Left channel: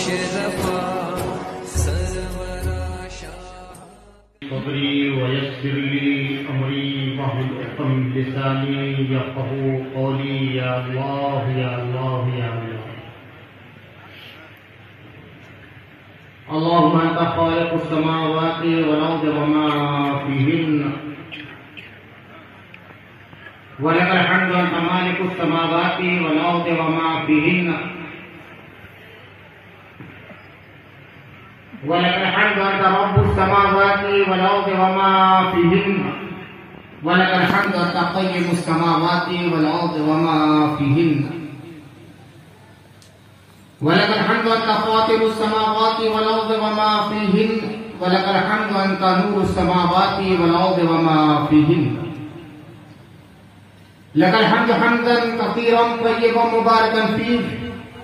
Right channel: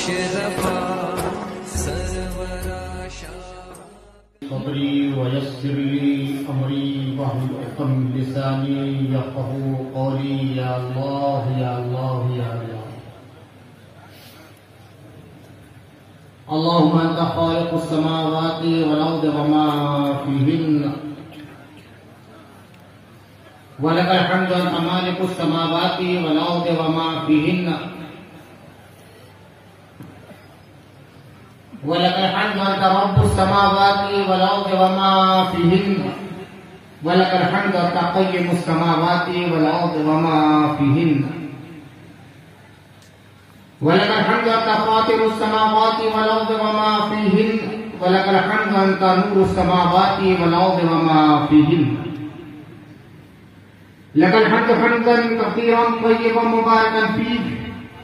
मुशर्रफा सरवरा शाह क़ब्री वयस्सिरली अमरी वहुल उक़्दम मिन लिसानी यफ़क़हू क़ौली या अल्लाह या अल्लाह या अल्लाह। अल्लाहुम्मा अंता ख़ालिक़ुस समावाति वल अर्दि वमा फ़ीहिन्ना वलकल हम्दु अंता मालिकुस समावाति वल अर्दि वमा फ़ीहिन्ना वलकल हम्दु अंता रब्बुस समावाति वल अर्दि वमा फ़ीहिन्ना वलकल हम्दु अंता क़य्यिमुस समावाति वल अर्दि वमा फ़ीहिन्ना वलकल हम्दु अंता फ़ातिरुस समावाति वल अर्दि वमा फ़ीहिन्ना वलकल हम्दु अंता नूरुस समावाति वल अर्दि वमा फ़ीहिन्ना लकल हम्दु हम्दन कसीरन तय्यिबन मुबारकन फ़ीह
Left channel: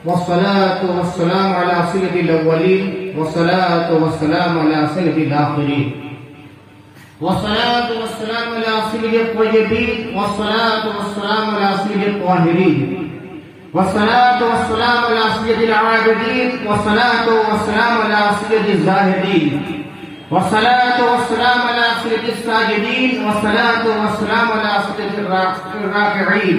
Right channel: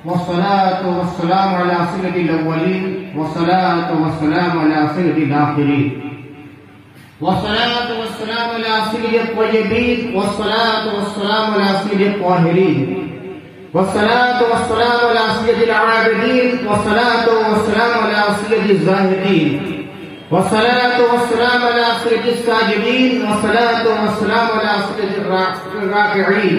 वस्सलातु वस्सलामु अला सय्यिदिल अव्वलीन वस्सलातु वस्सलामु अला सय्यिदिल आखिरीन वस्सलातु वस्सलामु अला सय्यिदित तय्यिबीन वस्सलातु वस्सलामु अला सय्यिदित ताहिरीन वस्सलातु वस्सलामु अला सय्यिदिल आबिदीन वस्सलातु वस्सलामु अला सय्यिदिज़ ज़ाहिदीन वस्सलातु वस्सलामु अला सय्यिदिस साजिदीन वस्सलातु वस्सलामु अला सय्यिदिर राकिईन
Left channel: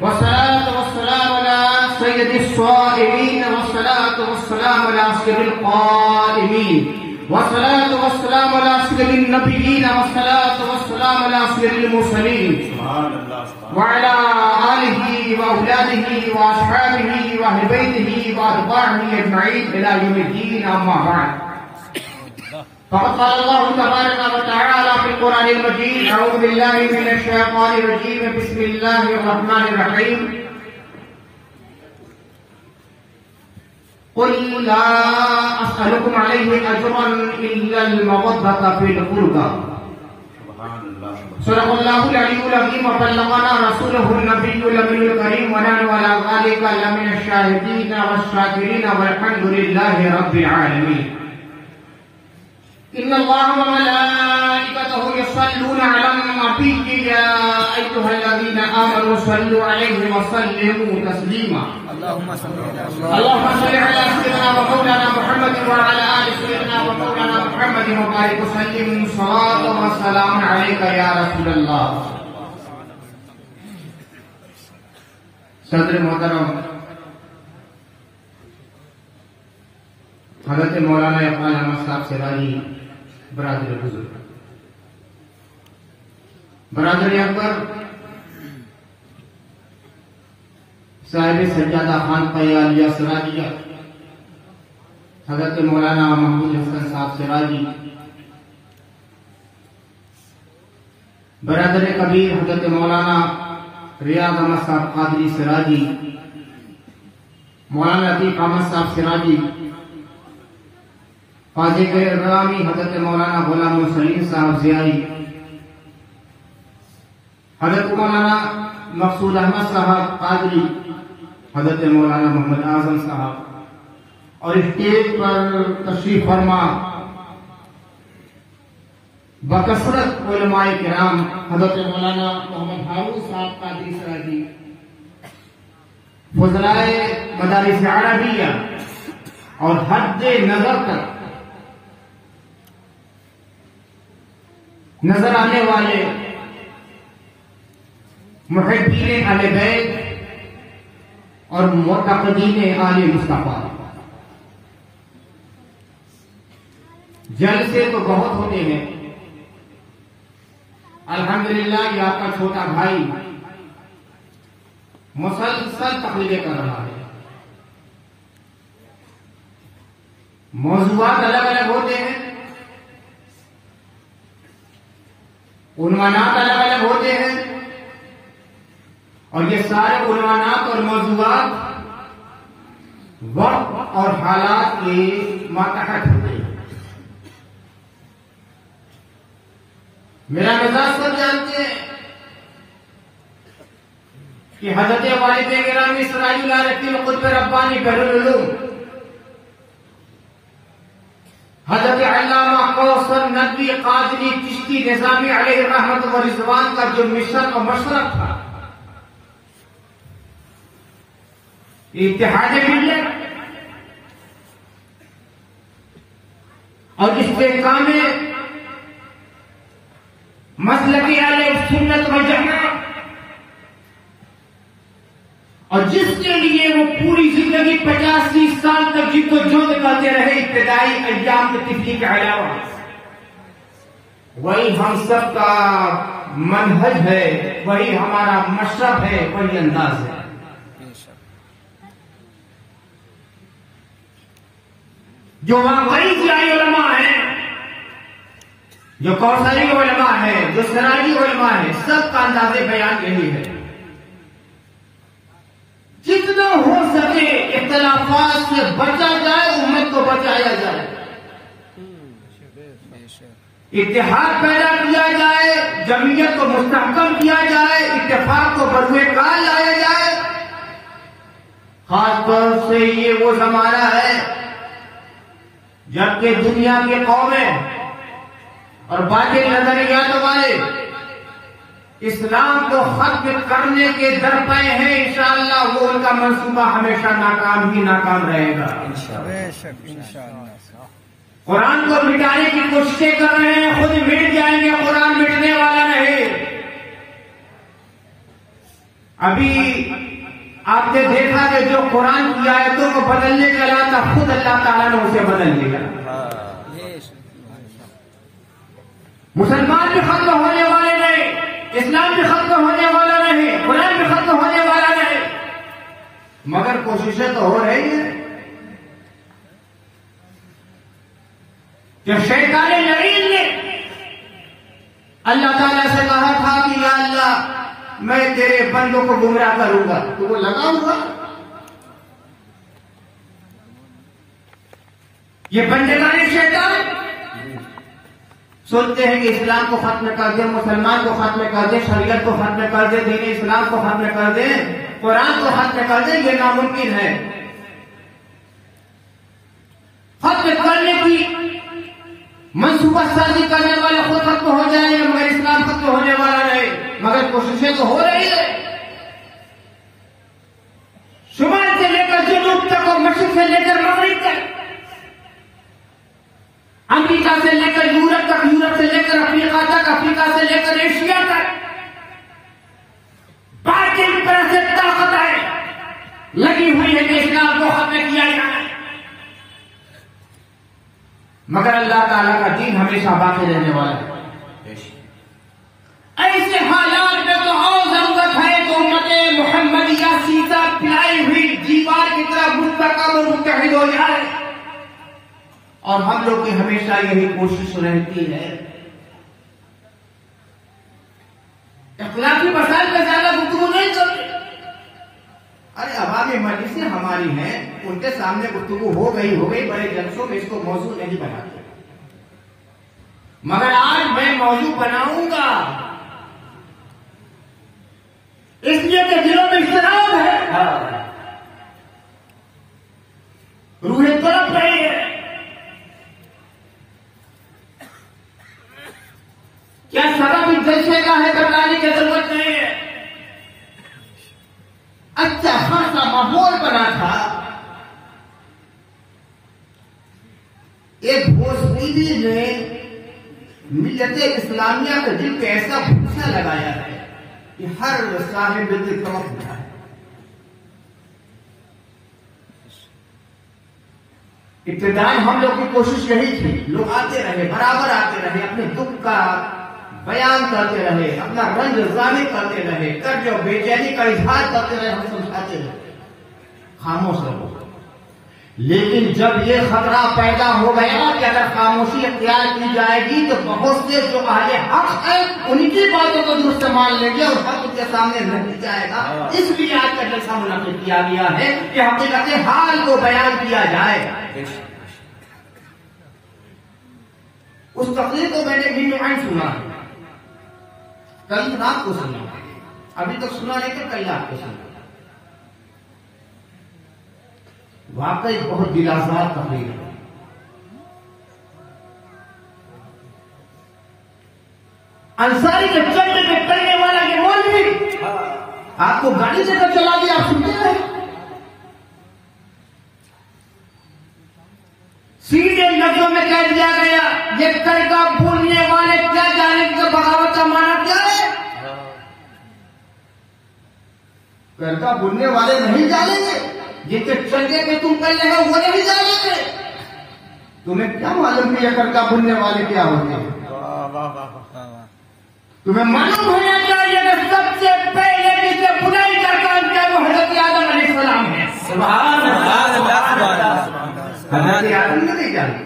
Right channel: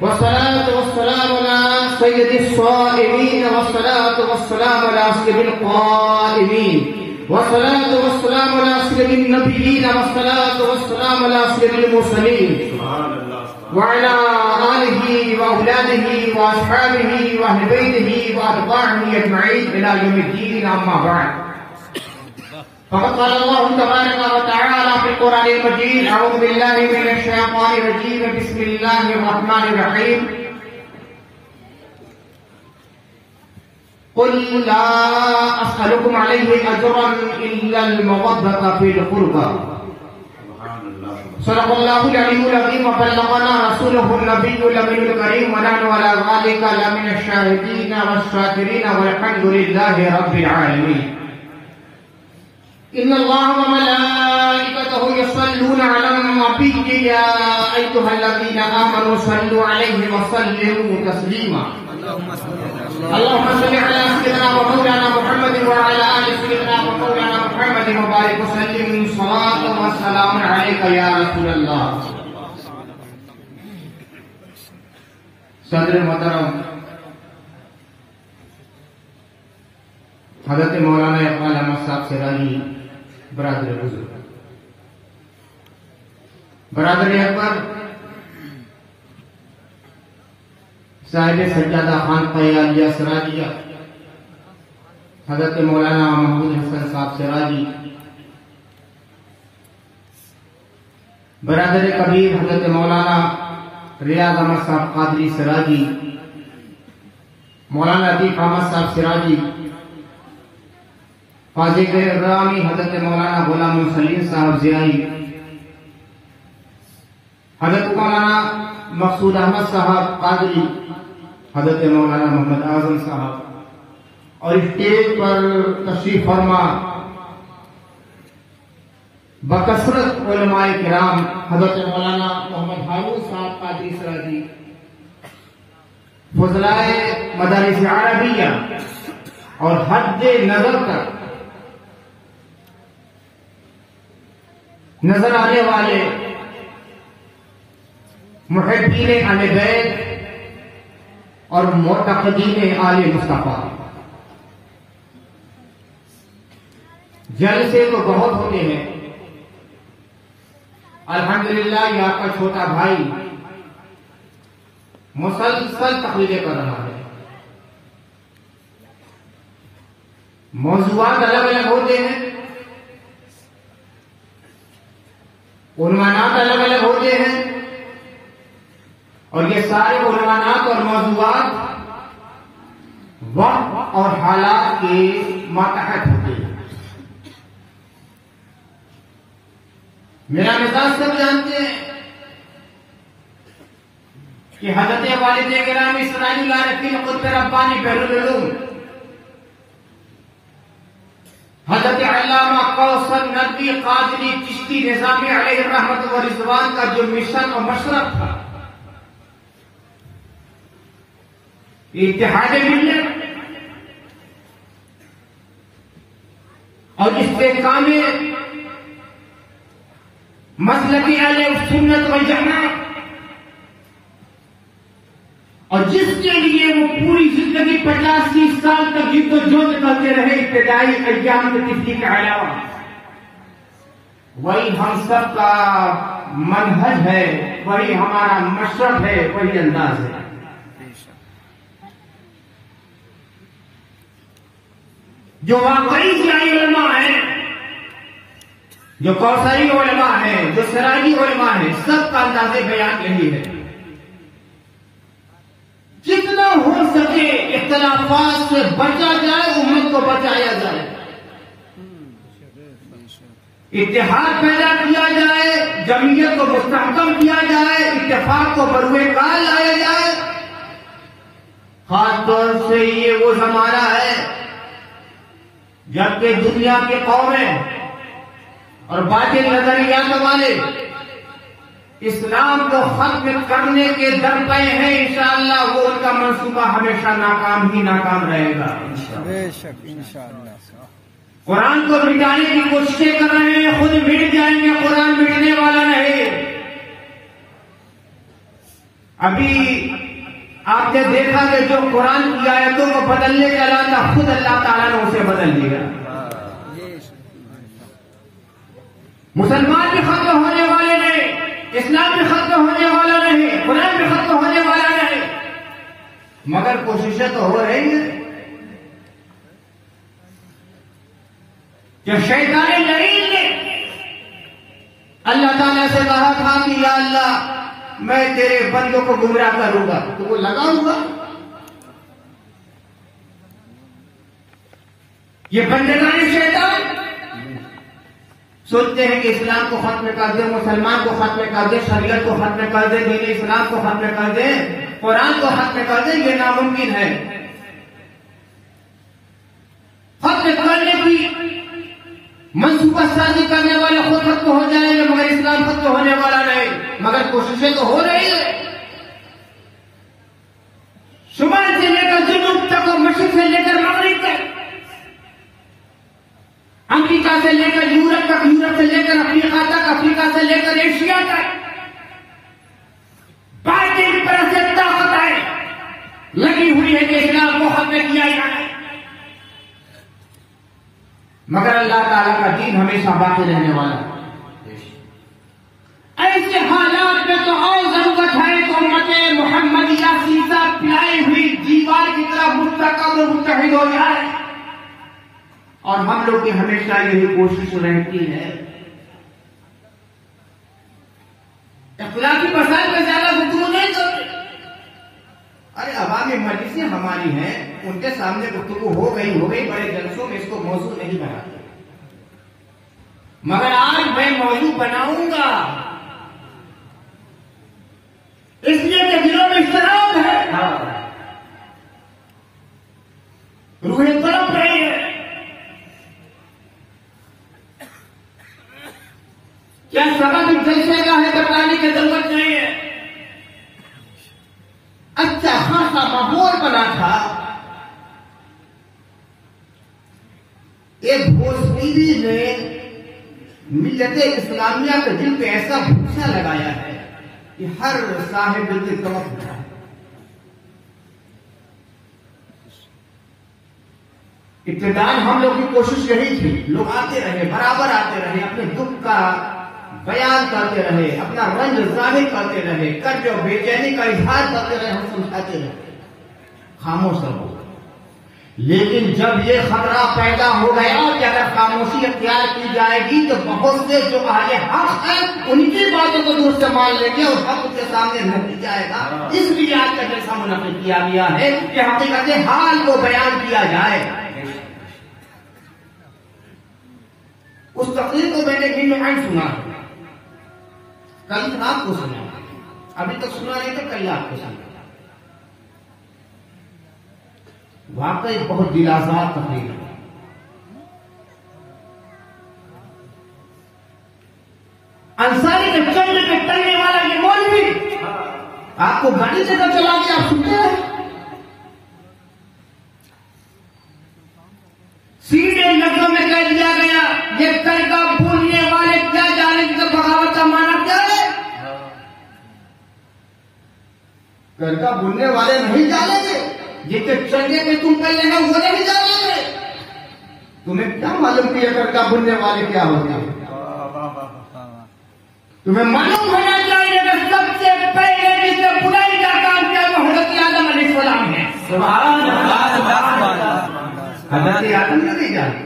वस्सलातु वस्सलामु अला सय्यिदिस स्वाइमीन वस्सलातु वस्सलामु अला सय्यिदिल क़ाइमीन वस्सलातु वस्सलामु अला सय्यिदिन नबिय्यीन वस्सलातु वस्सलामु अला सय्यिदिल मुरसलीन वअला आलिहि व औलादिहि व अस्हाबिहि व अहले बैतिहि व अतबाइहि अजमईन इला यौमिद्दीन अम्मा बअद। फ़क़द क़ाल अल्लाहु तबारक व तआला फ़िल क़ुरआनिल मजीद अऊज़ु बिल्लाहि मिनश शैतानिर रजीम बिस्मिल्लाहिर रहमानिर रहीम क़ुल ला अस्अलुकुम अलैहि अजरन इल्लल मवद्दता फ़िल क़ुरबा सल्लल्लाहु अलैहि व बल्लगना रसूलुहुन नबियुल अमीनुल करीम व नहनु अला ज़ालिका लमिनश शाहिदीन वश्शाकिरीन वल्हम्दुलिल्लाहि रब्बिल आलमीन। इन्नल्लाहा व मलाइकतहु युसल्लूना अलन नबिय्यि या अय्युहल्लज़ीना आमनू सल्लू अलैहि व सल्लिमू तस्लीमा। अल्लाहुम्मा सल्लि अला सय्यिदिना व मौलाना मुहम्मद व अला आलि सय्यिदिना व मौलाना मुहम्मद व बारिक व सल्लिम सलातन व सलामुन अलैका या रसूलल्लाह। सदर मोहतरम हज़रत मौलाना इक़बाल अहमद साहब सिराजी बरादर बुजुर्ग बरादर अकबर साहिब सज्जादा खान क़यालिया सिराजिया हज़रत मौलाना महमूद हसन साहब सिराजी बरादर कबीर हज़रत मौलाना रियाज़ अहमद साहब कादरी सिराजी मौलाना लतीफ़ अहमद साहब सिराजी फाज़िल इकरामी हज़रत मौलाना गुलाम सलीम साहब ज़ियाई हज़रत मौलाना मकसूद अहमद साहब कादरी हज़रत मौलाना मोहम्मद आज़म साहब और स्टेज पर तशरीफ फरमा बकसरत उलमाए किराम हज़रत मौलाना मोहम्मद हारून साहब कादरी सिराजी फज़लाए मदारिस अरबिया और हद नजर तक नजर आने वाले मुहिब्बीने अहले बैत और मुतक़दीने आले मुस्तफा जलसे तो बहुत होते हैं। अल्हम्दुलिल्लाह ये आपका छोटा भाई मुसलसल तकरीरें कर रहा है। मौज़ूआत अलग अलग होते हैं, उन्वानात अलग अलग होते हैं और ये सारे उन्वानात और मौज़ूआत वक्त और हालात के मातहत होते हैं। मेरा मिजाज सब जानते हैं कि हज़रत वालिद गिरामी सिराजुल आरिफीन क़ुत्ब रब्बानी बहरुल उलूम हज़रत अल्लामा कौसर नदवी कादरी चिश्ती निज़ामी अलैहि रहमत व रिज़वान का जो मिशन और मशरफ था, इत्तेहाद मिल्लत और इसके काम में मसलकी आले सुन्नत में जमा, और जिसके लिए वो पूरी जिंदगी 50-30 साल तक जिद्दोजहद करते रहे इब्तिदाई अय्याम की तिफरी के अलावा, वही हम सब का मनहज है, वही हमारा मशरब है, वही अंदाज है। जो वाकई जिलाई उलमा है, जो कौसरी उलमा है, जो सराई उलमा है, सबका अंदाज़े बयान यही है। जितना हो सके इख्तिलाफात से बचा जाए, उम्मत को बचाया जाए, इत्तेहाद पैदा किया जाए, जमीयत को मुस्तहकम किया जाए, इत्तेफाक को बरुए काल लाया जाए। खासतौर से ये वो जमाना है जबकि दुनिया के कौमें और बाकी नजरियात वाले इस्लाम को खत्म करने के दर पे हैं। इंशाअल्लाह वो उनका मंसूबा हमेशा नाकाम ही नाकाम रहेगा। बेशक इंशाअल्लाह। कुरान को मिटाने की कोशिशें कर रहे हैं, खुद मिट जाएंगे, कुरान मिटने वाला नहीं। अभी आपने देखा कि जो कुरान की आयतों को बदलने के अलावा खुद अल्लाह ताला ने उसे बदल दिया। मुसलमान भी खत्म होने वाले नहीं, इस्लाम भी खत्म होने वाला नहीं, कुरान भी खत्म होने वाला नहीं, मगर कोशिशें तो हो रही है। जब शैतान लईन ने अल्लाह ताला से कहा था कि या अल्लाह मैं तेरे बंदों को गुमराह करूंगा, तो वो लगा हुआ। ये बंदेगानी शैतान सोचते हैं कि इस्लाम को खत्म कर दे, मुसलमान को खत्म कर दे, शरीयत को खत्म कर दे, दीन इस्लाम को खत्म कर दे, कुरान को खत्म कर दे। ये नामुमकिन है। खत्म करने की मंसूबासाजी करने वाले खुद खत्म हो जाएंगे, मगर इस्लाम खत्म होने वाला नहीं। मगर कोशिशें तो हो रही है, शुमाल से लेकर जुनूब तक और मशरिक से लेकर मगरिब तक, अमेरिका से लेकर यूरोप तक, यूरोप से लेकर अफ्रीका तक, अफ्रीका से लेकर एशिया तक, बाकी तरह से ताकतें लगी हुई है कि इस्लाम को खत्म किया जाए, मगर अल्लाह ताला का दीन हमेशा बाकी रहने वाला है। ऐसे हालात में तो और जरूरत है कि उम्मते मुहम्मदिया सीधा पिलाई हुई दीवार की तरह मुस्तहकम और मुत्तहिद हो जाए। और हम लोग की हमेशा यही कोशिश रहती है। इख्तिलाफी मसाइल पे ज्यादा गुफ्तगू नहीं करते। अरे अवामी मजलिसें हमारी हैं, उनके सामने गुफ्तगू हो गई, बड़े जलसों में इसको मौजू नहीं बनाते। मगर आज मैं मौजू बनाऊंगा, इसलिए कि दिलों में इख्तिलाफ है, रूहें तड़प रही है। क्या सबब जलसे का है बताने की जरूरत नहीं है। अच्छा खासा माहौल बना था। एक भोसदीदी ने मिल्लत इस्लामिया के दिल पे ऐसा भूसा लगाया है कि हर साहिब दिल तड़प उठा। इब्तिदाई हम लोग की कोशिश यही थी, लोग आते रहे, बराबर आते रहे, अपने दुख का बयान करते रहे, अपना रंज जाहिर करते रहे, कर्ज और बेचैनी का इजहार करते रहे, हम समझाते रहे, खामोश रहो। लेकिन जब ये खतरा पैदा हो गया कि अगर खामोशी अख्तियार की जाएगी तो बहुत से जो आगे हक है उनकी बातों को दूर से मान लेंगे और हक के सामने लग जाएगा। इसलिए आज का जैसा मुनाफिक किया गया है कि हकीकत हाल को बयान किया जाए। उस तकरीर को मैंने भी नुमाइंद सुना, कल रात को सुना, अभी तक सुना नहीं था, कल रात को सुना। वाकई बहुत दिलासार तकरीर है। अंसारी के चंड में पढ़ने वाला ये मौलवी आपको बड़ी जगह चला गया, सुनते हैं सीधे लफ्जों में कह दिया गया ये करका भूलने वाले क्या जाने कि बगावत का माना क्या है? करका भूलने वाले नहीं जानेंगे, ये तो चलने के तुम पहले है वो नहीं जानेंगे। तुम्हें क्या मालूम कि ये करका भूलने वाले क्या होते हैं? तुम्हें मालूम होना चाहिए कि सबसे पहले जिसने बुराई का काम किया वो हजरत आदम अलैहिस्सलाम है। हजरत आदम ने नहीं जानते,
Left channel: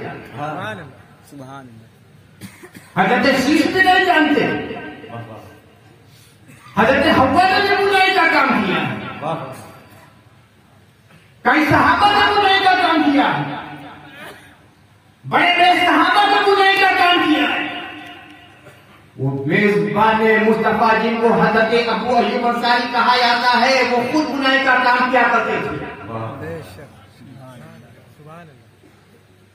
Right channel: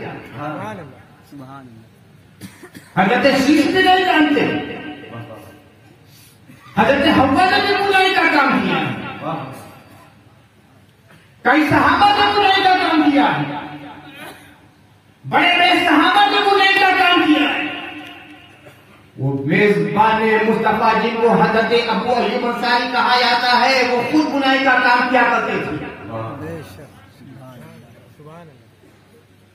हजरत शीश ने नहीं जानते, हजरत हव्वा ने भी बुराई का काम किया, कई सहाबा ने बुराई का काम किया, बड़े बड़े सहाबा ने बुराई का काम किया। वो मेजबान मुस्तफा जिनको हजरत अबू अय्यूब अंसारी कहा जाता है, वो खुद बुराई का काम क्या करते थे?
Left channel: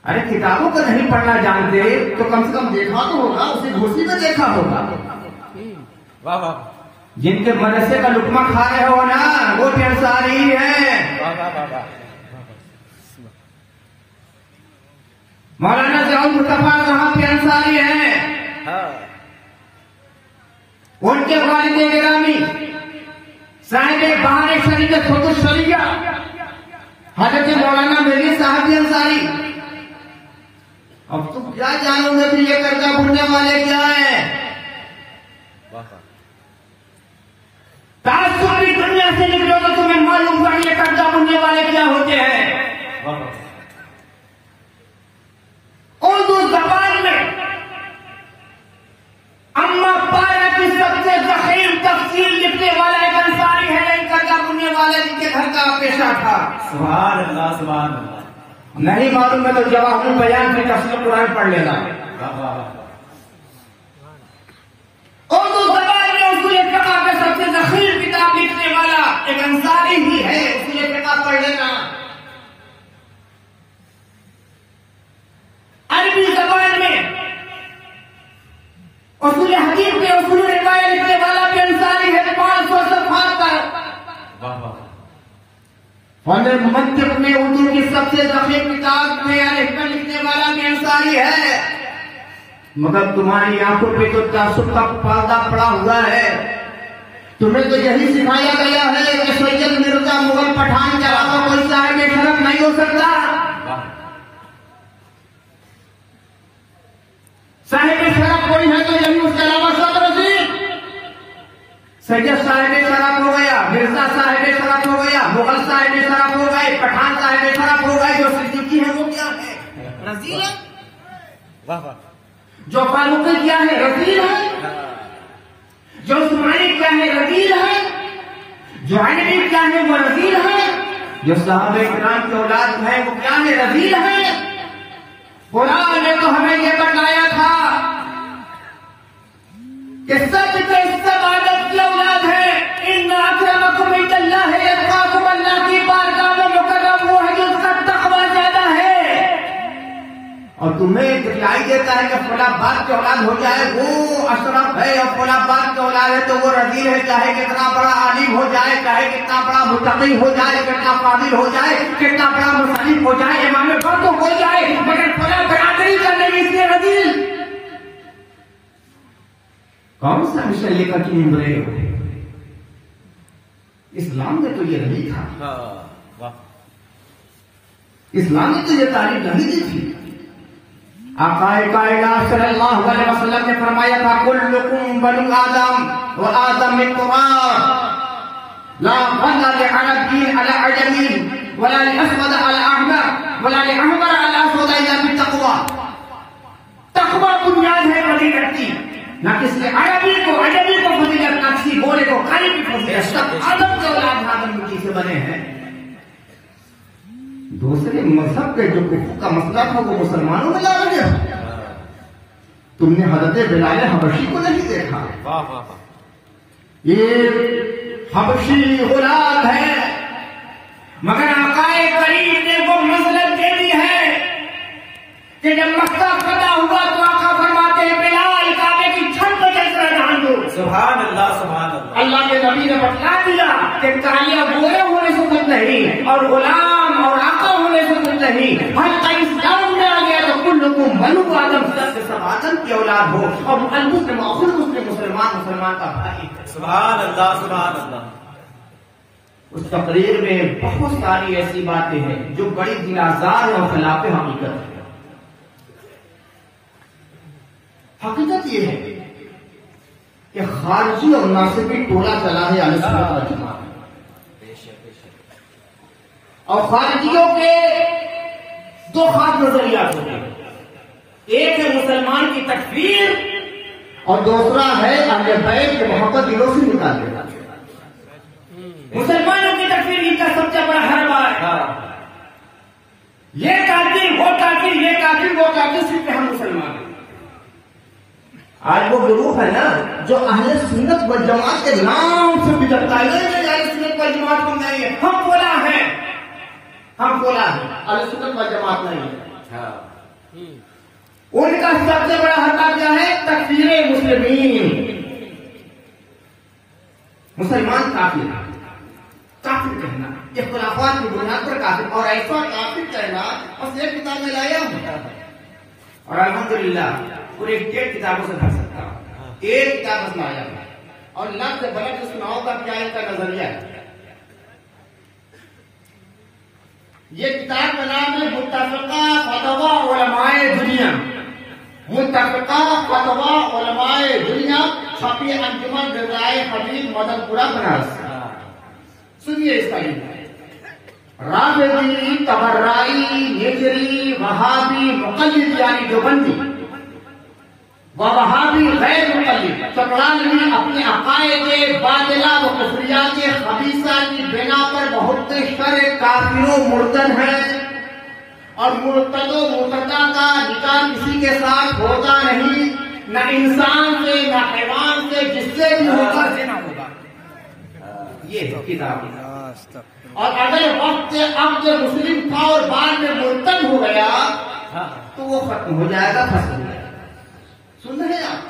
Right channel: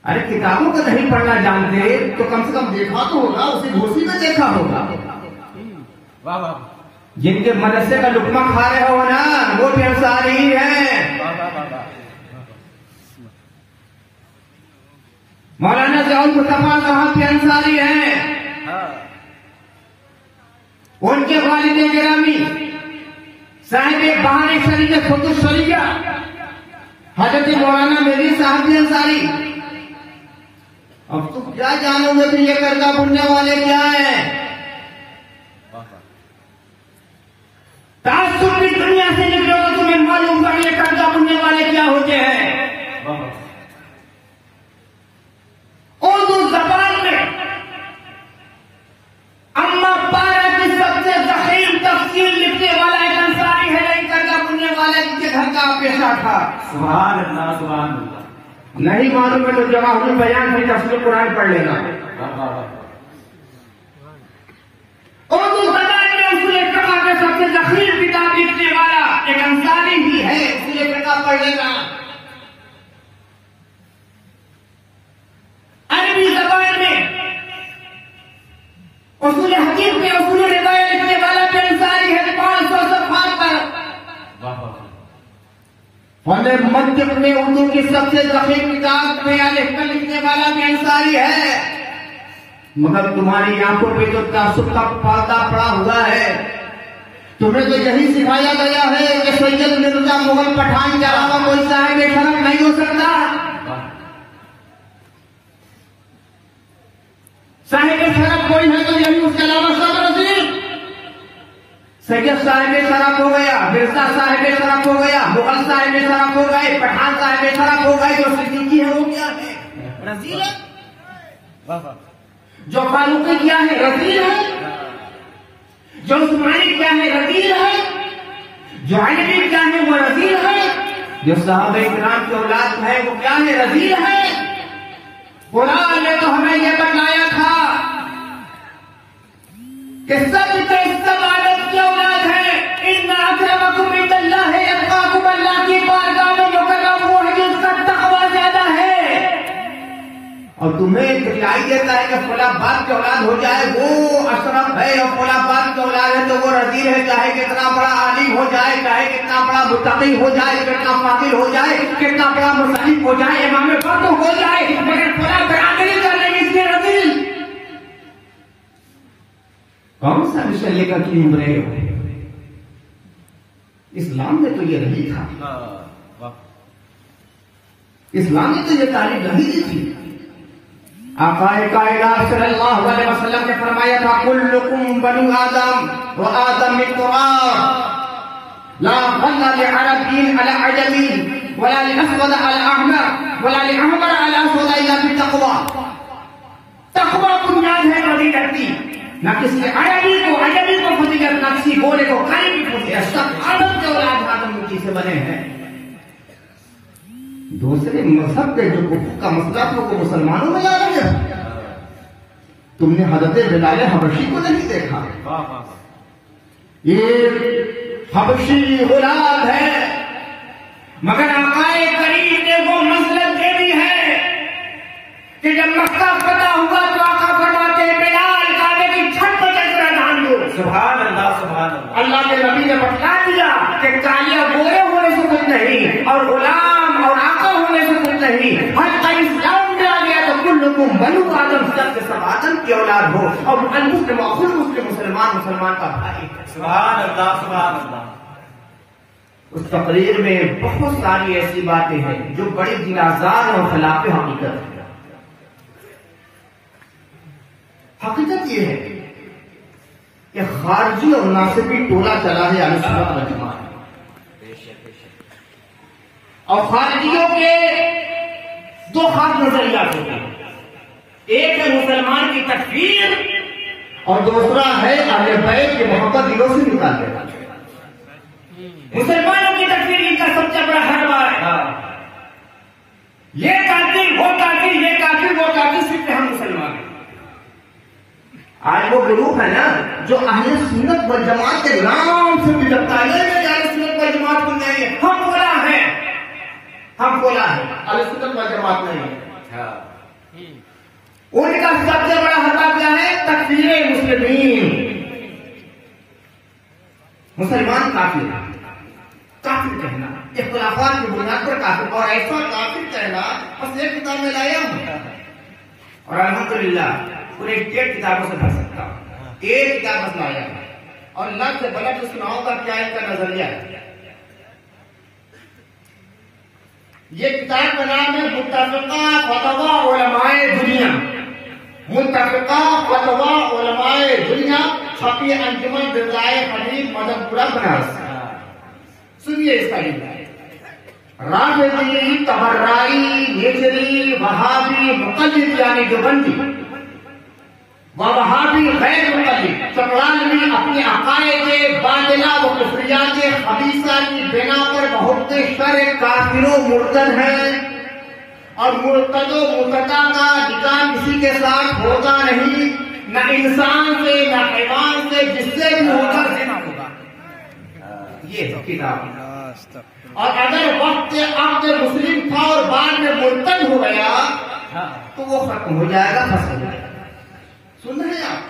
अरे किताबों को नहीं पढ़ना जानते तो कम से कम देखा तो होगा, उसे घुसी में देखा होगा। जिनके मदरसे का लुकमा खा रहे हो ना, वो भी अंसारी ही है। मौलाना ज़ियाउल मुस्तफा कहाँ पे अंसारी है? उनके वालिद गिरामी साहिब बहार शरीय खुद शरीया हजरत मौलाना मेरी साहब अंसारी। अब तुम क्या जानोगे कि ये करका भूलने वाले क्या है? तासुब की दुनिया से निकलो तो तुम्हें मालूम होगा ये करका भूलने वाले क्या होते हैं। उर्दू जबान में अम्मा पारा की सबसे ज़ख़ीर तफसीर लिखने वाला एक अंसारी है, ये करका भूलने वाले जिनके घर का पेशा था। सुभान अल्लाह, सुभान अल्लाह। नहीं मालूम है तो जवाहुल बयान में तफसीर कुरान पढ़ लेना। उर्दू ज़बान में उसूल फ़िक़्ह के सबसे ज़ख़ीर किताब लिखने वाला एक अंसारी ही है, उसूल फ़िक़्ह पढ़ लेना। अरबी ज़बान में उसूल हदीस में उसूल रिवायत लिखने वाला भी अंसारी है, 500 सफ़हात पर। और मंतिक़ में उर्दू की सबसे ज़ख़ीर किताब में लिखने वाला भी अंसारी है। मगर तुम्हारी आंखों पे तो तासुब का पर्दा पड़ा हुआ है। तुम्हें तो यही सिखाया गया है कि सैयद मिर्जा मुगल पठान के अलावा कोई साहिब शरफ नहीं हो सकता। साहिब शरफ कोई है तो यही, उसके अलावा सब रसीद। सैयद साहिब शरफ हो गया, मिर्जा साहिब शरफ हो गया, मुगल साहिब शरफ हो गए, पठान साहिब शरफ हो गए। जो सिद्दीकी है वो क्या है? रजील है। जो फारूकी क्या है? रजील है। जो उस्मानी क्या है? रजील है। जो अलवी क्या है? वो रजील है। जो साहबे किराम की औलाद है वो क्या है? रजील है। कुरान ने तो हमें ये बताया था कि सब आदम की औलाद है। इन्ना अक्रमकुम इंदल्लाह अत्क़ाकुम, अल्लाह की बारगाह में मुकर्रम वो है जिसका तक़वा ज्यादा है। और तुम्हें दिलाई देता है कि फला बाप की औलाद हो जाए वो अशरफ है, और फला बाप की औलाद है तो वो रजील है। चाहे कितना बड़ा आलिम हो जाए, चाहे कितना बड़ा मुत्तक़ी हो जाए, कितना फादिल हो जाए, कितना बड़ा मुसल्ली हो जाए, इमाम वक्त हो जाए, मगर फला बराबरी कर लेगी इसलिए रजील। कौन सा विषय लेकर तुम रहे हो? इस्लाम में तो ये नहीं था। इस्लाम में तो ये तारीफ नहीं दी थी। आक़ाए कायनात सल्लल्लाहु अलैहि वसल्लम ने फरमाया था, कुल्लुकुम बनु आदम व आदम मिन तुराब, ला फज़्ला लिअरबिय्यिन अला अजमिय्यिन वला लिअस्वद अला अहमर वला लिअहमर अला असवद इल्ला बित्तक़वा। तक़वा बुनियाद है फजीलत की, ना किसी अरबी को अजमी को फजीलत, ना किसी बोले को काली की फजीलत। सब आदम के औलाद आदम मिट्टी से बने हैं। दूसरे मजहब के जो कुफर का मसला था वो मुसलमानों में ला दिया। तुमने हजरत बिलाल हबशी को नहीं देखा? ये हबशी औलाद है, मगर आक़ाए करीम ने वो मसलत दे दी है कि जब मक्का फतह हुआ तो आका फरमाते बिलाल काबे की छत पर तकरा डाल दो। सुभान अल्लाह, सुभान अल्लाह। अल्लाह के नबी ने बतला दिया कि कालिया गोरे होने से कुछ नहीं और गुलाम और आका होने से कुछ नहीं। हर इस्लाम में आ गया तो कुल को मनु आदम सत्य सब आदम की औलाद हो, और मुस्लिम मुसलमान मुसलमान का भाई। सुभान अल्लाह, सुभान अल्लाह। उस तकरीर में बहुत सारी ऐसी बातें हैं जो बड़ी दिलाजार और खिलाफ हकीकत है। हकीकत ये है कि खारजी और नासिबी टोला चला है अहले सुन्नत वल जमात, और खारजियों के दो खास नजरिया होते हैं। एक है मुसलमान की तकफीर और दूसरा है अहले बैत की मोहब्बत दिलों से निकालने वाले। मुसलमानों की तकफीर इनका सबसे बड़ा हरबा है। ये कातिल वो कातिल, ये कातिल वो कातिल, सिर्फ हम मुसलमान हैं। आज वो ग्रुप है ना जो अहले सुन्नत वल जमात के नाम से बिगड़ता है। अहले सुन्नत वल जमात को नहीं है, हम बोला है, हम बोला है, अहले सुन्नत वल जमात नहीं है। उनका सबसे बड़ा हरबा क्या है? तकफीर मुस्लिमीन। मुसलमान काफिर, काफिर कहना, इख्तिलाफात की बुनियाद पर काफिर, और ऐसा काफिर कहना बस एक किताब में लाया हूं, और अल्हम्दुलिल्लाह पूरे 1.5 किताबों से भर सकता हूं। एक किताब बस लाया हूं, और लफ्ज़ से बलफ्ज़ सुनाऊंगा क्या इनका नजरिया है। ये किताब का नाम है मुत्तफ़िक़ा फ़तवा उलमाए दुनिया। मुत्तफ़िक़ा फ़तवा उलमाए दुनिया, छपी अंजुमन रिज़ाए हबीब मदनपुरा बनारस। सुनिए इसका राफ़िज़ी, तबर्राई, हिजरी, वहाबी, मुक़ल्लिद यानी देवबंदी, वहाबी गैर मुक़ल्लिद, चमड़ानी अपने अक़ाइदे बातिला व कुफ़रियात खबीसा की बिना पर बहुत शर काफिरों मुर्तद है, और मुर्तदो मुर्तदा का निकाह किसी के साथ होता नहीं, न इंसान से न हैवान से, जिससे भी होकर देना होगा। ये किताब। और अगर वक्त अब मुस्लिम था और बाद में मुर्तद हो गया तो वो खत्म हो जाएगा, खत्म हो जाएगा। सुन रहे हैं आप?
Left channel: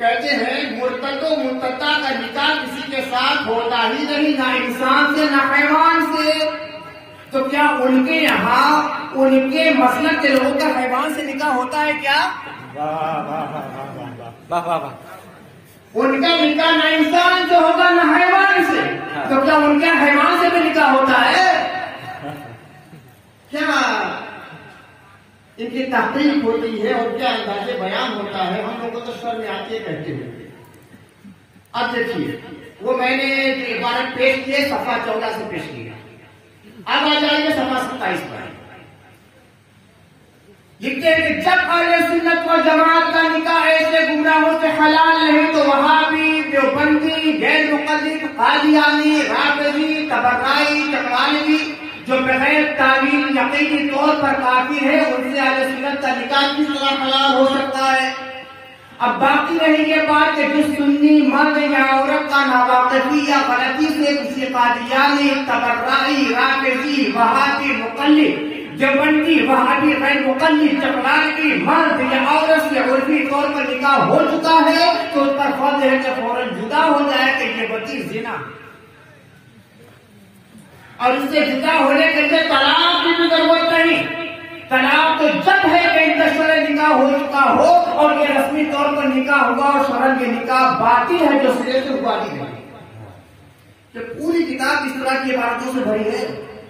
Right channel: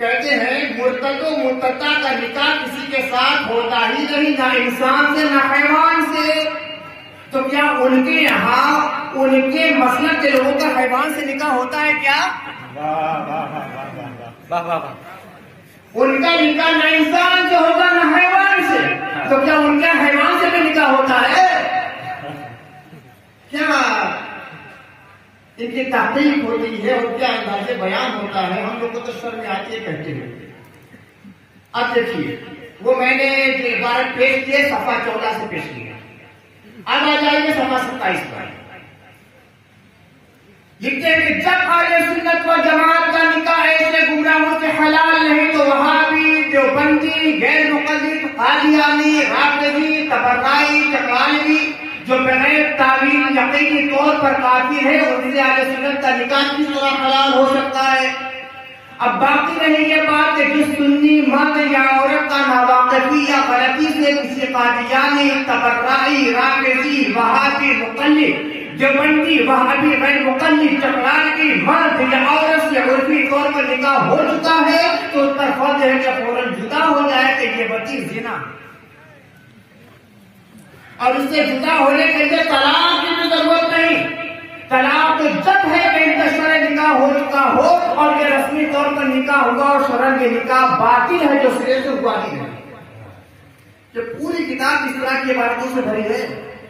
कहते हैं मुर्तदो मुर्तदा का निकाह किसी के साथ होता ही नहीं, ना इंसान से ना हैवान से। तो क्या उनके यहाँ उनके मसलक के लोगों का हैवान से निकाह होता है क्या? उनका निकाह न इंसान से होगा न हैवान से, तो क्या उनका हैवान से भी निकाह होता है क्या? इनकी तहकीक होती है और क्या अंदाजे बयान होता है, हम लोग को तो शर्म आती है कहते हुए। अब देखिए, वो मैंने जो इबारत पेश किए सफा 14 से पेश किया। अब आ जाइए सफा 27 पर। लिखते हैं कि जब अहले सुन्नत वल जमात का निकाह ऐसे गुमराहों से हलाल नहीं तो वहाबी, देवबंदी, गैर मुक़ल्लिद, कादियानी, राफ़िज़ी, तबर्राई, चकलानी जो बगैर तावील यकीनी तौर पर काफिर है, उनसे अहले सुन्नत का निकाह किस तरह हलाल हो सकता है? अब बाकी रही ये बात कि जिस सुन्नी मर्द या औरत का नावाकिफी या गलती से किसी कादियानी, तबर्राई, राफ़िज़ी, वहाबी, मुक़ल्लिद, देवबंदी, वहाबी, गैर मुक़ल्लिद, चकलानी मर्द या औरत से उर्फी तौर पर निकाह हो चुका है तो उस पर फर्ज है कि फौरन जुदा हो जाए कि ये बच्ची ज़िना, और इससे जुदा होने के लिए तलाक की भी जरूरत नहीं। तलाक तो जब है कि इनका शरई निकाह हो चुका हो और ये रस्मी तौर पर निकाह होगा और शरई के निकाह बाकी है जो सिरे से हुआ ही नहीं। तो पूरी किताब इस तरह की बातों से भरी है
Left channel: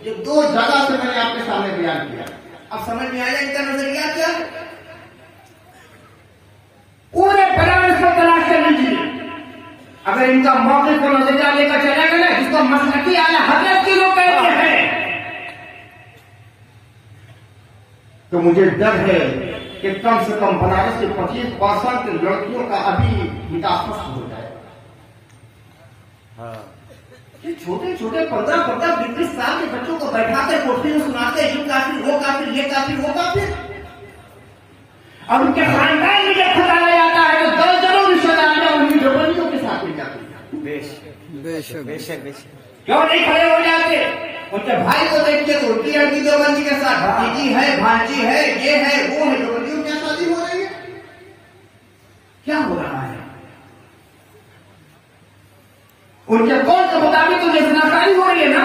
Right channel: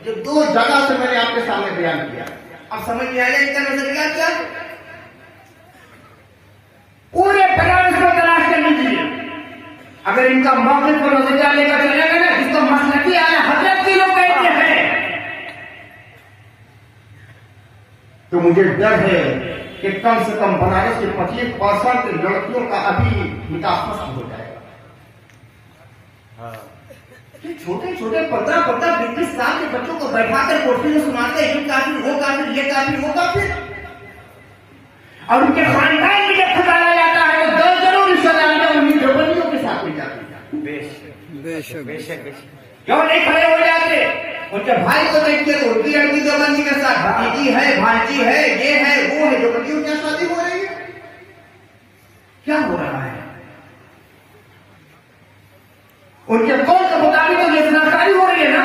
जो 2 जगह से मैंने आपके सामने बयान किया। अब समझ में आया इनका नजरिया क्या? पूरे बयान को तलाश कर लीजिए। अगर इनका मौक़िफ़ को नजरिया लेकर चलेंगे ना, जिसको मसलकी आला हज़रत के लोग कहते हैं, तो मुझे डर है कि कम से कम बनारस के 25% लड़कियों का अभी निकाह फस्ख़ हो जाएगा। छोटे छोटे 15-15, 20 साल के बच्चों को बैठाकर कोठरी में सुनाते हैं, ये काफिर, वो काफिर, ये काफिर, वो काफिर, और उनके खानदान में जब खतरा जाता है तो दर्जनों रिश्तेदारियां उन्हीं देवबंदियों के साथ मिल जाती है। बेशक बेशक बेशक। क्यों नहीं खड़े हो जाते? उनके भाई को देखते तो उनकी लड़की देवबंदी के साथ, भतीजी है, भांजी है, ये है, वो है, देवबंदियों की शादी हो रही है। क्या हो रहा है? उनके कौल के मुताबिक तो जनाकारी हो रही है ना।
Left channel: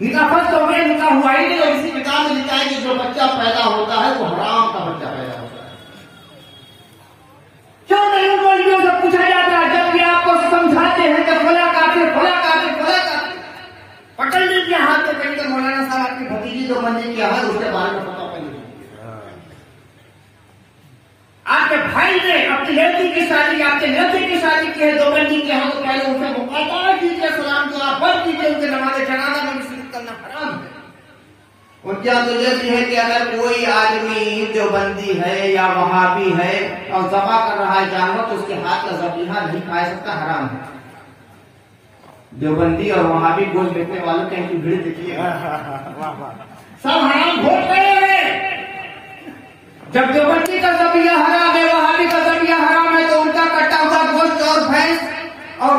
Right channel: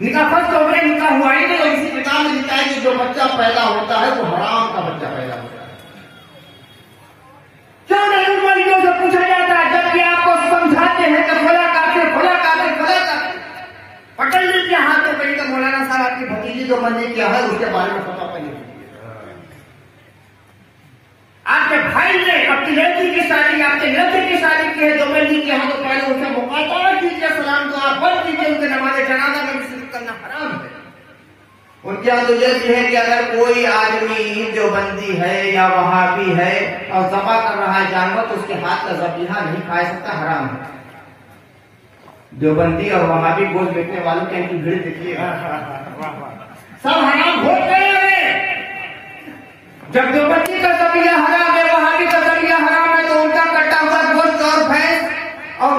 निकाह फर्ज हो गया, निकाह हुआ ही नहीं। और इसी किताब में लिखा है कि जो बच्चा पैदा होता है वो हराम का बच्चा पैदा होता है। क्यों नहीं उन वलियों से पूछा जाता है जबकि आपको समझाते हैं कि फला काफिर फला काफिर फला काफिर। पकड़ लीजिए हाथ में पहले तो मौलाना साहब आपकी भतीजी जो मन ने किया है उसके बारे में पता पड़ी। आपके भाई ने अपनी लड़की की शादी आपके लड़के की शादी की है, दो बंदी के यहाँ तो पहले उनसे मुकाबला कीजिए, सलाम दुआ फर्ज कीजिए, उनके नमाज़े जनाजा में शिरकत करना हराम है। उनके यहाँ तो ये भी है कि अगर कोई आदमी जो बंदी है या वहाबी है और ज़बा कर रहा है जानवर तो उसके हाथ का ज़बीहा नहीं खा सकता, हराम है। देवबंदी और वहाबी गोल बेचने वालों के इनकी भीड़ देखिएगा, सब हराम भोग करे हुए। जब देवबंदी का ज़बीहा हराम है, वहाबी का ज़बीहा हराम है, तो उनका कटा हुआ गोश्त और भैंस और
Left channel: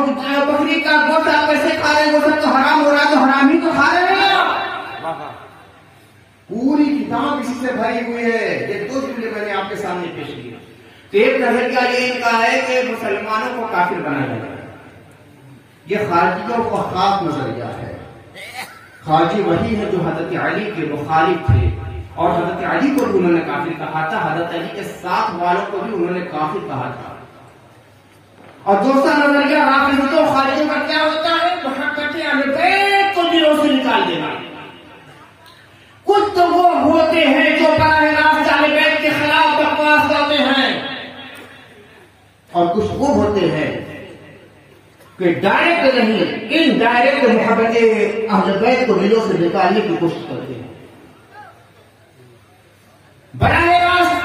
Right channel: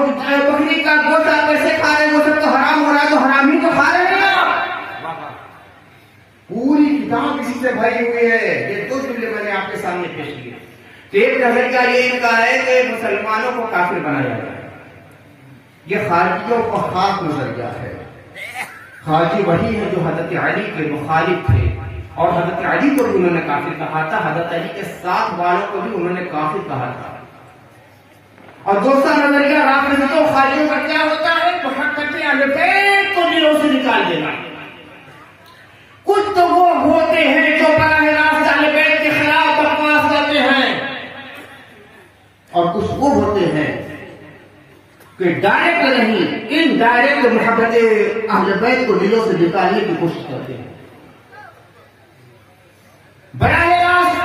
बकरी का गोश्त आप कैसे खा रहे हैं? वो सब तो हराम हो रहा है, तो हराम ही तो खा रहे हैं आप। पूरी किताब इसी से भरी हुई है। ये दो जुमले मैंने आपके सामने पेश किए। एक नजरिया ये इनका है कि मुसलमानों को काफिर बनाया जाए, ये खारजियों का खास नजरिया है। खारजी वही है जो हजरत अली के मुखालिफ थे और हजरत अली को भी उन्होंने काफिर कहा था, हजरत अली के साथ वालों को भी उन्होंने काफिर कहा था। और दूसरा नजरिया राफिज़ों खारजियों का क्या होता है? मोहब्बत अहले बैत को दिलों से निकाल देना। कुछ तो वो होते हैं जो बराह रास्त अहले बैत के खिलाफ बकवास करते हैं और कुछ वो होते हैं कि डायरेक्ट नहीं इनडायरेक्ट मोहब्बत अहले बैत को दिलों से निकालने की कोशिश करते हैं। बराह रास्त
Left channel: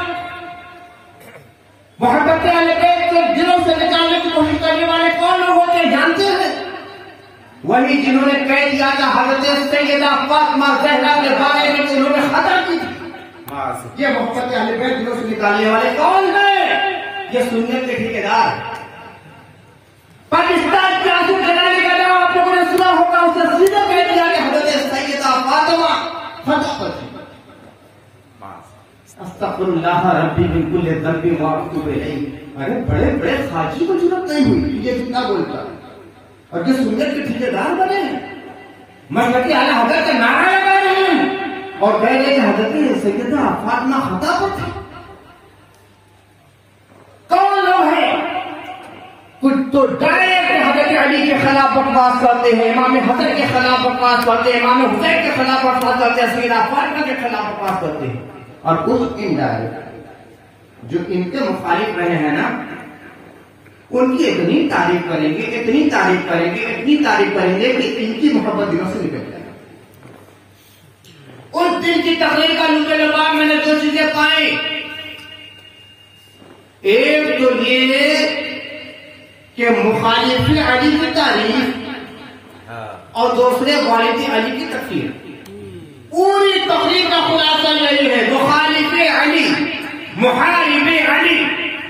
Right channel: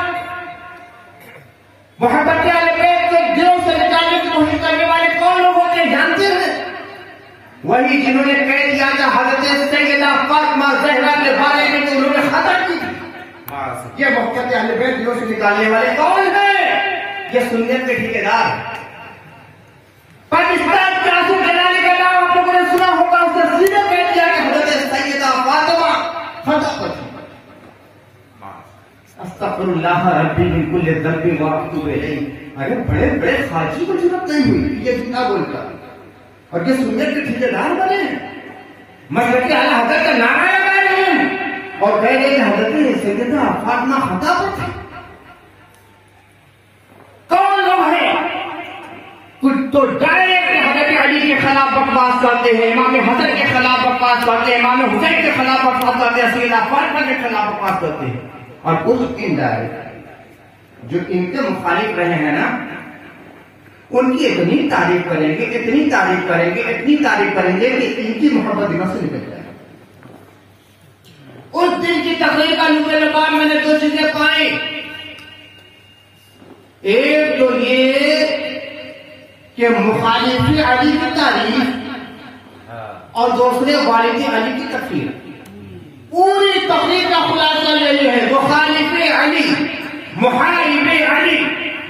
मोहब्बत अहले बैत को दिलों से निकालने की कोशिश करने वाले कौन लोग होते हैं जानते हैं? वही जिन्होंने कह दिया था हजरत सैयदा फातिमा ज़हरा के बारे में कि उन्होंने खता की थी। ये मोहब्बत अहले बैत दिलों से निकालने वाले कौन है? ये सुन्नत के ठेकेदार। पाकिस्तान के आंसू जलाने का नाम आप लोगों ने सुना होगा, उसने सीधे कह दिया कि हजरत सैयदा फातिमा खता पर थी। अस्तगफिरुल्लाह रब्बी मिन कुल्लि ज़ंबिन व अतूबु इलैह। अरे बड़े बड़े खाजी को जरूरत नहीं हुई, ये कितना बोलता और ये सुन्नत के ठेकेदार बने, मशरक़ी आला हज़रत का नारा लगा रहे हैं और कह रहे कि हज़रत सैयदा फातिमा खता पर थी। कौन लोग हैं? तो डायरेक्ट हज़रत अली के खिलाफ बकवास करते हैं, इमाम हसन के खिलाफ बकवास करते हैं, इमाम हुसैन के खिलाफ बकवास करते हैं, सैयदा फातिमा के खिलाफ बकवास करते हैं। और कुछ इनडायरेक्ट जो इनके मुखालिफ रहे हैं ना, उनकी इतनी तारीफ करेंगे, इतनी तारीफ करेंगे, इतनी तारीफ करेंगे कि इनकी मोहब्बत दिलों से निकल जाए। उस दिन की तकरीर का लुत्फ़ मैंने दो चीजें पाई। एक तो ये कि मुखालिफ अली की तारीफ और दूसरे वालिद अली की तकरीर। पूरी तकरीर का खुलासा यही है, मुखालिफ अली, मुहारिब अली,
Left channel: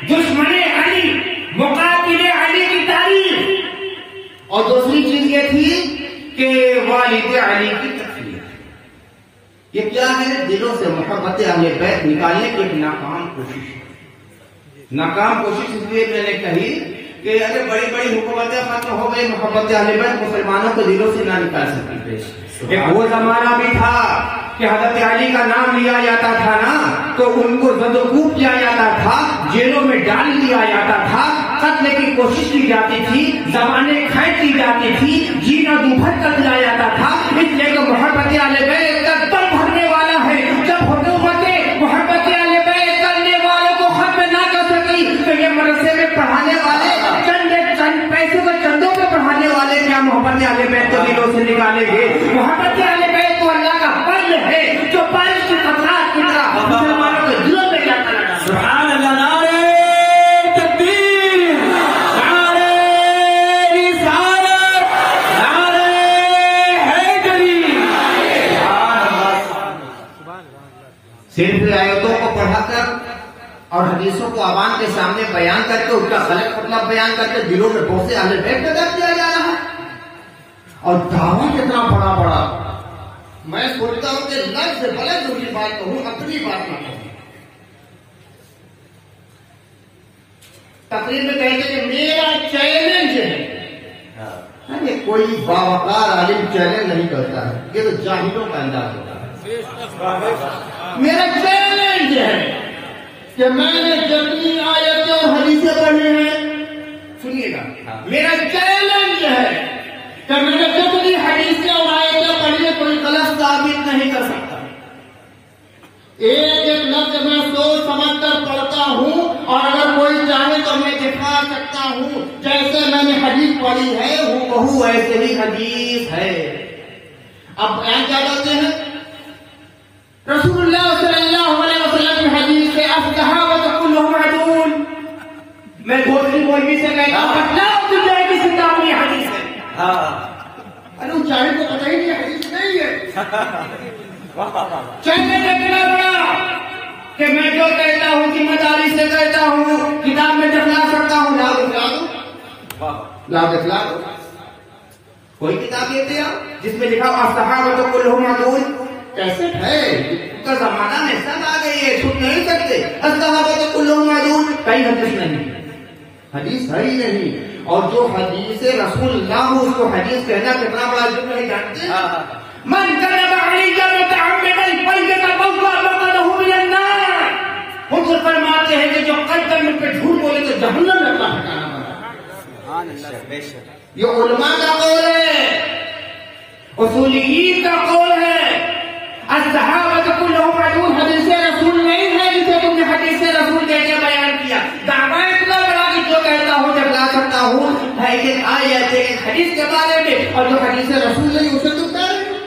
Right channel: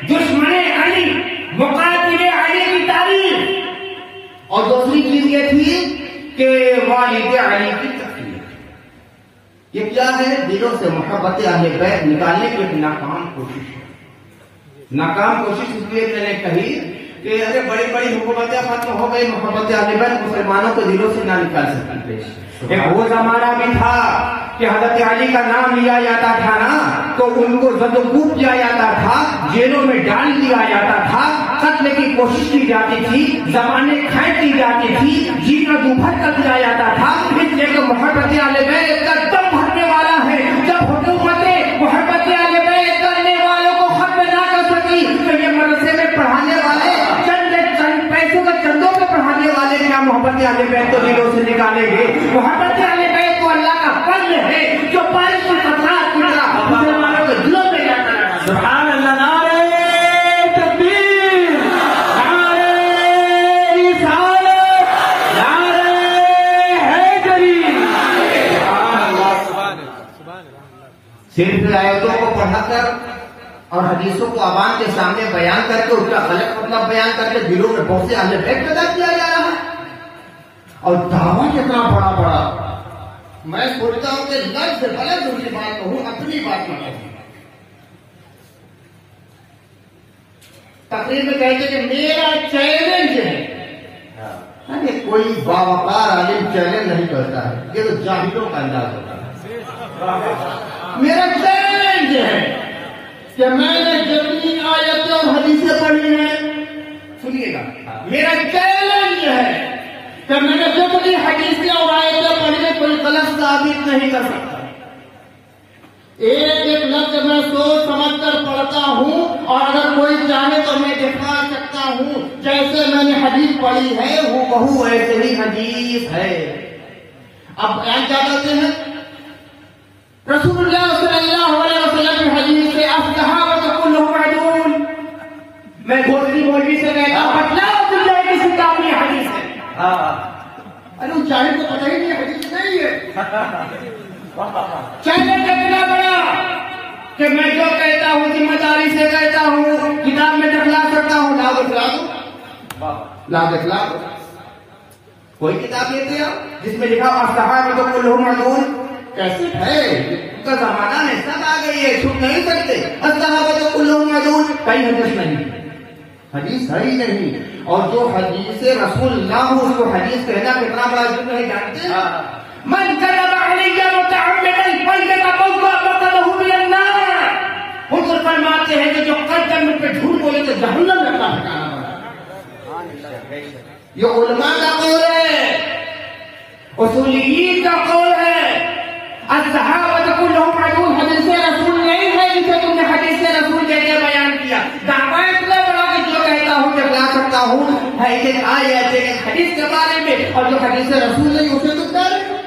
दुश्मन अली, मुकातिल अली की तारीफ। और दूसरी चीज ये थी कि वालिद अली की तकरीर। ये क्या है? दिलों से मोहब्बत अहले बैत निकालने की एक नाकाम कोशिश है। नाकाम कोशिश इसलिए मैंने कही कि अरे बड़ी बड़ी हुकूमतें खत्म हो गई, मोहब्बत अहले बैत मुसलमानों को दिलों से ना निकाल सकती। एक वो जमाना भी था कि हज़रत अली का नाम लिया जाता था ना तो उनको जदोकूब किया जाता था, जेलों में डाल दिया जाता था, कत्ल की कोशिश की जाती थी, ज़बानें खैद की जाती थी, जीना दुभर कर दिया जाता था। इसलिए कि मोहब्बत अहले बैत का दम भरने वाला है। जब हुकूमतें मोहब्बत अहले बैत करने वालों को खत्म ना कर सकी तो ये मदरसे में पढ़ाने वाले पैसे को चंदों में पढ़ाने वाले क्या मोहब्बत अहले बैत को दिलों से निकालेंगे? मोहब्बत अहले बैत तो अल्लाह का फज़्ल है जो बारिश की बरसात की तरह मुसलमानों के दिलों में जाकर लगा। सुभान अल्लाह, नारे तकबीर, नारे रिसालत, नारे हैदरी। सिर्फ आयतों को पढ़ाकर और हदीसों को आवाम के सामने बयान करके उसका गलत मतलब बयान करके दिलों में बहुत से अहले बैत पैदा किया जा रहा है। और दावा कितना बड़ा बड़ा। मैं सोचता हूं कि लफ्ज़ से गलत उनकी बात कहूं, अपनी बात न कहूं। तकरीर में कहते कि मेरा चैलेंज है। कोई बावकार आलिम चैलेंज नहीं करता है, ये तो जाहिलों का अंदाज होता है। मेरा चैलेंज है कि मैंने जितनी आयतें और हदीसें पढ़ी हैं, सुनिएगा, मेरा चैलेंज है कि मैंने जितनी हदीसें और आयतें पढ़ी है कोई गलत साबित नहीं कर सकता। एक एक लफ्ज मैं सोच समझकर पढ़ता हूँ और अगर कोई चाहे तो मैं दिखा सकता हूँ जैसे मैंने हदीस पढ़ी है वो बहु ऐसे ही हदीस है। अब बयान क्या करते हैं? रसूलुल्लाह सल्लल्लाहु अलैहि वसल्लम की हदीस है, अस्सहाबा कुल्लुहुम अदूल। मैं दूसरी मौलवी से कहता हूँ बतलाओ तुम जाए किस किताब में हदीस है। अरे वो चाहे तो पता ही नहीं हदीस नहीं है। चैलेंज इतना बड़ा कि मैं जो कहता हूँ जिम्मेदारी से कहता हूँ, किताब में दिखला सकता हूँ, लाओ दिखला कोई किताब लेते आओ जिसमें लिखा अस्सहाबा कुल्लुहुम अदूल। कैसे है उसका जमाना में सब आ गई है, सुन नहीं सकते। अस्सहाबा कुल्लुहुम अदूल कहीं हदीस नहीं, हदीस है ही नहीं। और जो हदीस रसूलुल्लाह हो उसको हदीस कहना कितना बड़ा जुर्म है जानते हैं? मन कज़ब अलैया मुतअम्मिदन फल्यतबव्वा मक़अदहु मिनन नार। हुज़ूर फरमाते हैं कि जो कल्बन मुझ पे झूठ बोले तो जहन्नम लगता है। ये उलमा का कौल है, उसूलियीन का कौल है। अस्सहाबा कुल्लुहुम अदूल हदीस रसूल नहीं है जिसे तुमने हदीस रसूल कहकर बयान किया। दावा इतना बड़ा कि जो कहता हूँ दिखला सकता हूँ है एक आयत एक हदीस के बारे में, और जो हदीस रसूल नहीं उसे तुम कह रहे हो।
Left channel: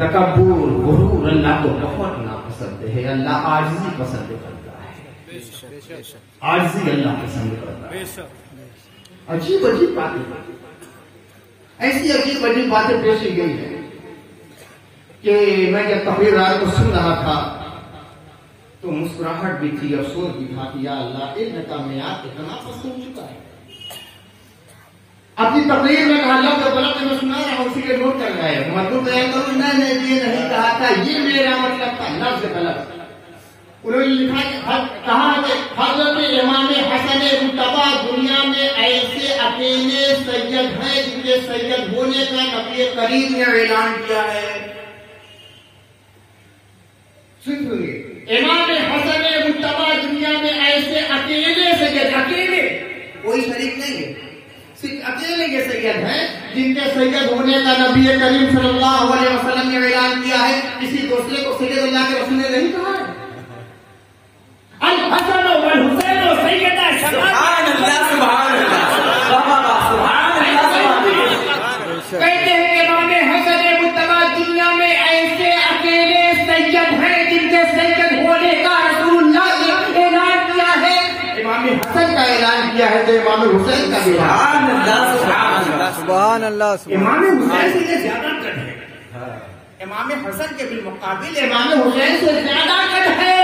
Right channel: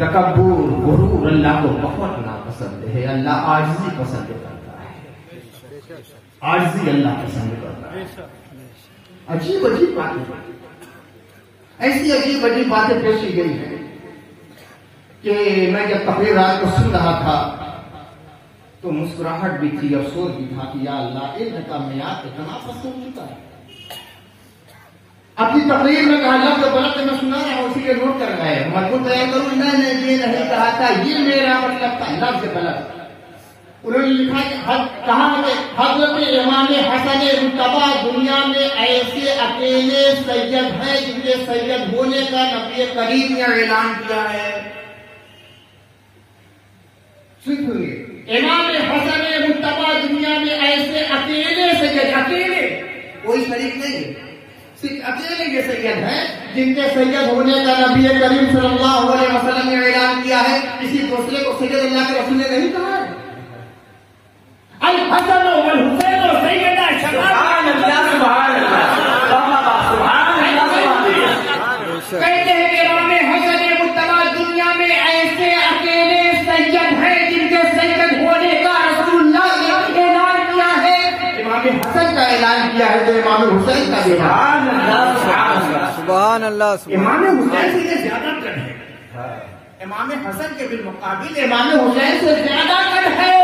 तकब्बुर गुरूर अल्लाह को बहुत नापसंद है। अल्लाह आजिज़ी पसंद करता है, आजिज़ी अल्लाह पसंद करता है। अजीब अजीब बातें, ऐसी अजीब अजीब बातें पेश की गई है कि मैं जब तकरीर रात को सुन रहा था तो मुस्कुराहट भी थी, अफसोस भी था कि या अल्लाह इल्म का मियाद इतना पस्त हो चुका है। अपनी तकरीर में कहा लफ्ज़ गलत मैं सुना रहा हूं, उसी के नोट कर गए मजबूत तय करूं, मैंने ये नहीं कहा था, ये मेरा मतलब था, लफ्ज़ गलत। उन्होंने लिखा कहा कि हजरत इमाम हसन मुज्तबा दुनिया में ऐसे अकेले सैयद है जिनके सैयद होने का नबी करीम ने ऐलान किया है। सुनिए, इमाम हसन मुज्तबा दुनिया में ऐसे अकेले सैयद, अकेले कोई शरीक नहीं है, सिर्फ अकेले के सैयद हैं जिनके सैयद होने का नबी करीम सल्लल्लाहु अलैहि वसल्लम ने ऐलान किया है। किसी दूसरे को सैयद अल्लाह के रसूल ने नहीं कहा है। अल हसन वल हुसैन सैयदा कहते हैं कि इमाम हसन मुज्तबा दुनिया में ऐसे अकेले सैयद हैं जिनके सैयद होने का रसूलुल्लाह ने ऐलान किया है। इमाम हसन का ऐलान किया है तो इमाम हुसैन का भी सुभान अल्लाह। इमाम हुसैन से ज्यादा कद है, इमाम हसन के बिलमुकाबिल इमाम हुसैन से ज्यादा कद है।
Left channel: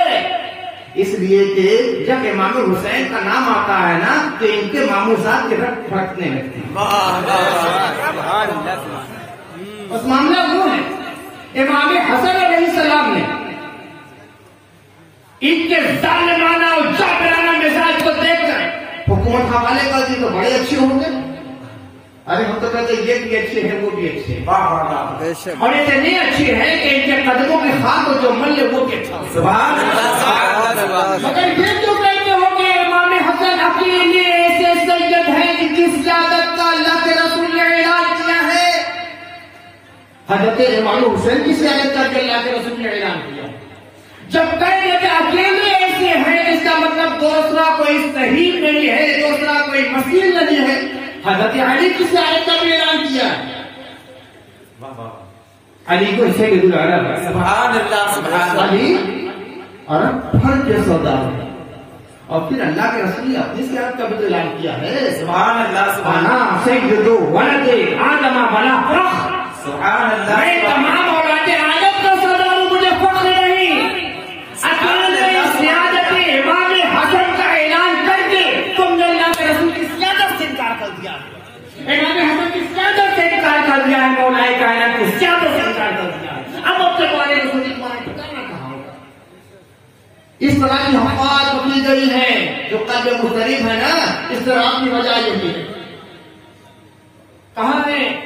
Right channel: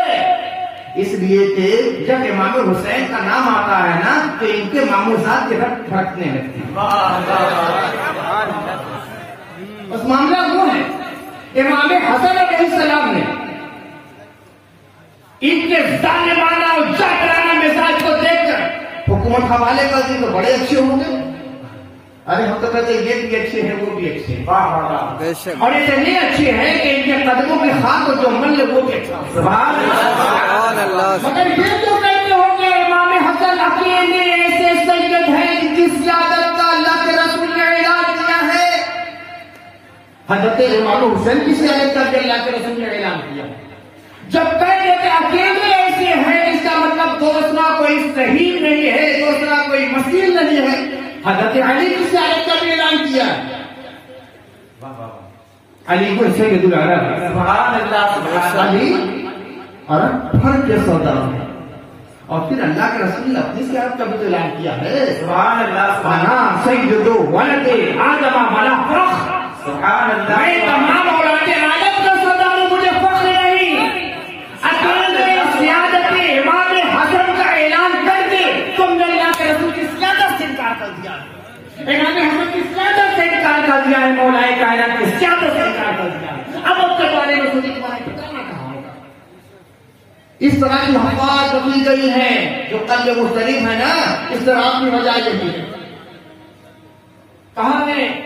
इसलिए कि जब इमाम हुसैन का नाम आता है ना तो इनके मामूजात के हक भटकने लगती है। उस मामला वो है इमाम हसन अलैहिस्सलाम ने इनके जालिमाना और जाबराना मिजाज को देखकर हुकूमत हवाले कर दी तो बड़े अच्छे होंगे। अरे हम तो कहते ये भी अच्छे हैं वो भी अच्छे हैं, और इतने अच्छे हैं कि इनके कदमों के खाक जो मल्ल वो भी अच्छा। मगर ये तो कहते होंगे इमाम हसन अकेले ऐसे सैयद हैं जिनकी सियादत का अल्लाह के रसूल ने ऐलान किया है। हजरत इमाम हुसैन की सियादत करके अल्लाह के रसूल ने ऐलान किया। जब कहते कि अकेले ऐसे हैं इसका मतलब दूसरा कोई सही नहीं है, दूसरा कोई मसीह नहीं है। हजरत अली की सियादत का भी ऐलान किया, अली को सैयदुल अरब, सुभान अल्लाह, अली अरब फर्ज के सरदार है। और फिर अल्लाह के रसूल ने अपनी सियादत का भी ऐलान किया है, सुभान अल्लाह, सैयदु वलदे आदम वला फख्र, सुभान अल्लाह, मैं तमाम औलादे आदम का सरदार हूं, मुझे फख्र नहीं। अकेले सियादत इमाम हसन का ऐलान करके तुमने अल्लाह के रसूल की सियादत से इनकार कर दिया है। इमाम हसन की सियादत से इनकार कर दिया है, मौलाए कायनात की सियादत से इनकार कर दिया है। अब अपने बारे में सोचिए तुम्हारा ठिकाना कहाँ होगा। इस तरह की हक़ाक़ की गई है जो कल्ब मुस्तरिब है ना, इस तरह आपकी वजह यही है। कहाँ है